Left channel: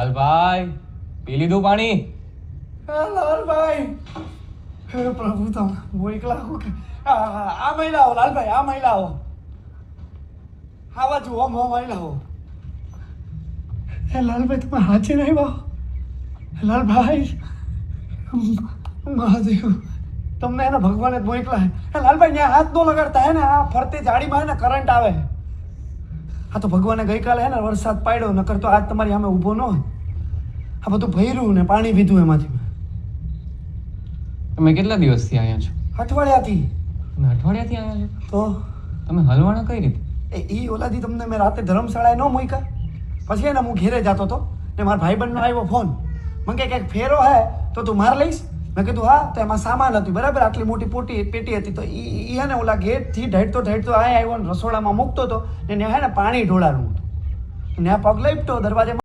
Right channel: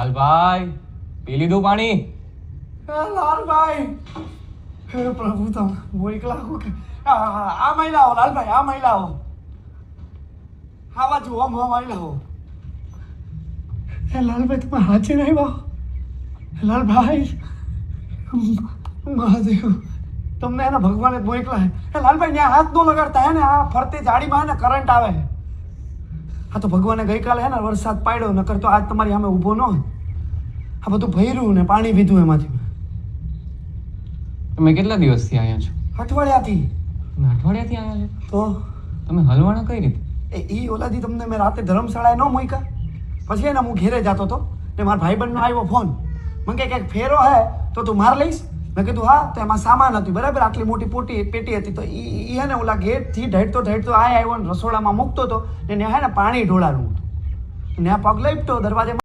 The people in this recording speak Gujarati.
લાલભાઈ પી લીધું પાણી? લાલભાઈ, હે પ્રભુ, તમે હું એકલા હું કે આ મહિલા હો લાલભાઈ, આ મહિલા હો, આવા જુઓ મહિલા હો. એ લાલભાઈ, તમે હાચે નહીં વાહ? લાલભાઈ, મહાદેવ, તમને એને ભગવાને જ મોકલા હે. એ લાલભાઈ, ત્યાં હાથ નો લગાડતા હે ને, આ ફરતે જાડીમાં હે ને કરંટ આવે. આ તો ભગવાને ગઈકાલે હે ને વરસાદ પાડ્યો, નકર તો આજ તમારી સામે ઊભો ન હોય. આ બધું ભર્યું ને પાણી પીધું એમાંથી. તમે કેટલા દિવસથી આવ્યા છો? અઠવાડિયાથી. તમે અઠવાડિયાથી આવ્યા છો? તો તમે હલવાના કઈ રીતે? એ ઓલાદી તમને મેં રાતે ધર્મશાળાએ ન મૂક્યા, પછી એને હું ઘેરે જતો હતો ને મારા ભાઈબંધનો આવ્યો ફોન. મને કે કંઈક ફેરો હે તો તું માર લઈશ? મેં કીધું હા. તો એમાં સામાન હતું, બરાબર, આટલી મોટી પેટી હતી. તો એ હે ને ઓલા ગેટથી ઢેડતો અહીંયા આવ્યો ને રસોડામાં મૂકતો હતો ને ત્યાં હે ને પાણી ઢોળાનું હતું. ત્યાં પગ લપટો દરવાજે